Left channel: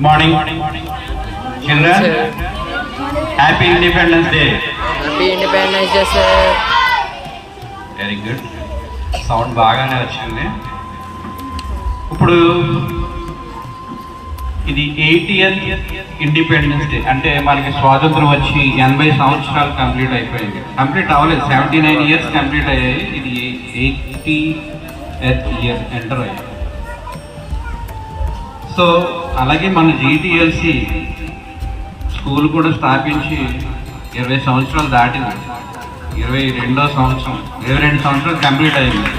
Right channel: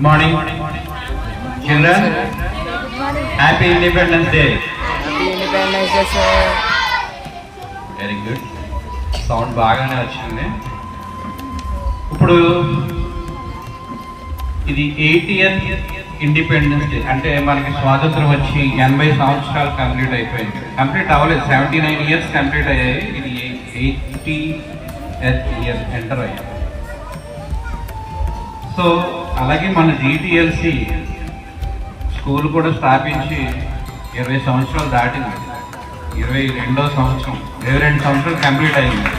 Good morning, children. Happy Independence Day. Happy Independence Day, sir. Very good. Sound బాగానే వచ్చింది. ఇప్పుడు ఇది 80th independence day, అంటే మనకి స్వాతంత్రం వచ్చి 80 సంవత్సరాలు కంప్లీట్ అయిపోయింది. కంప్లీట్ అవ్వలేదు, 79 years కంప్లీట్ అయ్యాయి. ఇది 80th year ఎంటర్ అయ్యాయి. సో అలాగే మన GTLC స్కూల్ కూడా స్థాపించి 20 సంవత్సరాలు దాటింది. 22వ సంవత్సరం, 22 సంవత్సరాలు కంప్లీట్ అయింది.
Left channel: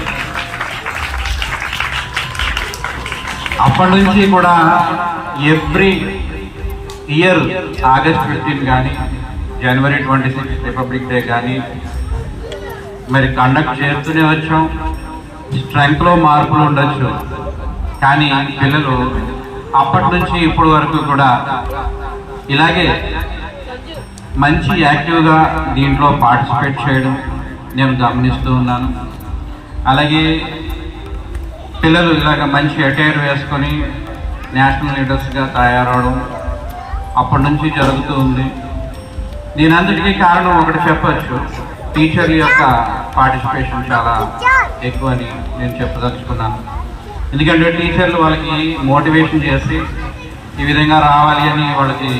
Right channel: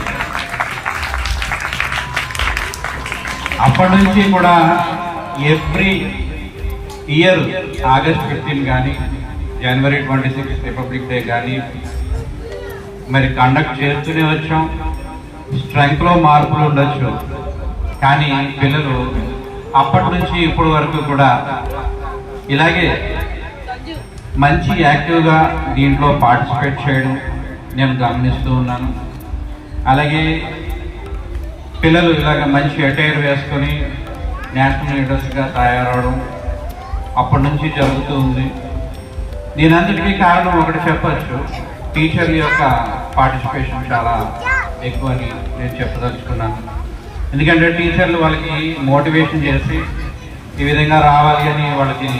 అప్పటి నుంచి కూడా ఎవ్రీ ఇయర్ ఆగస్ట్ 15 కానీ, జనవరి 26 రిపబ్లిక్ డే కానీ మరి కండక్ట్ చేస్తూనే వచ్చాం. స్ట్రెంగ్త్లో మార్పులు ఉండొచ్చు, కానీ పిల్లలు అప్పటి నుంచి ఇప్పటి వరకు కూడా ఇలాగే మంచి యాక్టివ్గా దీంట్లో పార్టిసిపేట్ చేయడం నేను గమనిస్తూ ఉన్నాను. అలాగే పిల్లలు ఇలాగ మంచి అటైర్ వేసుకొని నేషనల్ లీడర్స్గా తయారవడం అప్పటి నుంచి జరుగుతూ ఉంది. దీనంతటికీ కారణం ఒకటి చెప్పచ్చు, టీచర్ల యొక్క పార్టిసిపేషన్ చాలా ఎక్కువ అని నేను చెప్పదలుచుకున్నాను. ఎందుకంటే టీచర్లు వాళ్ళకి మోటివేషన్ చేసి ఈ విధంగా రావాలి అని వాళ్ళకి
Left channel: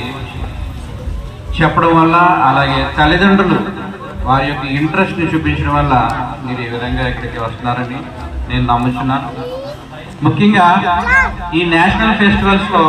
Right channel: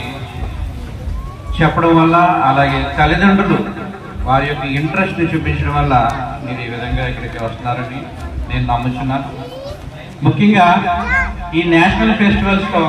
చెప్పడం వల్ల, అలాగే తల్లిదండ్రులు వారి యొక్క ఇంట్రెస్ట్ని చూపించడం వల్ల మీరు ఈ విధంగా ఇక్కడికి వస్తున్నారని నేను నమ్ముతున్నాను. ముఖ్యంగా ఈ నేషనల్ ఫెస్టివల్స్లో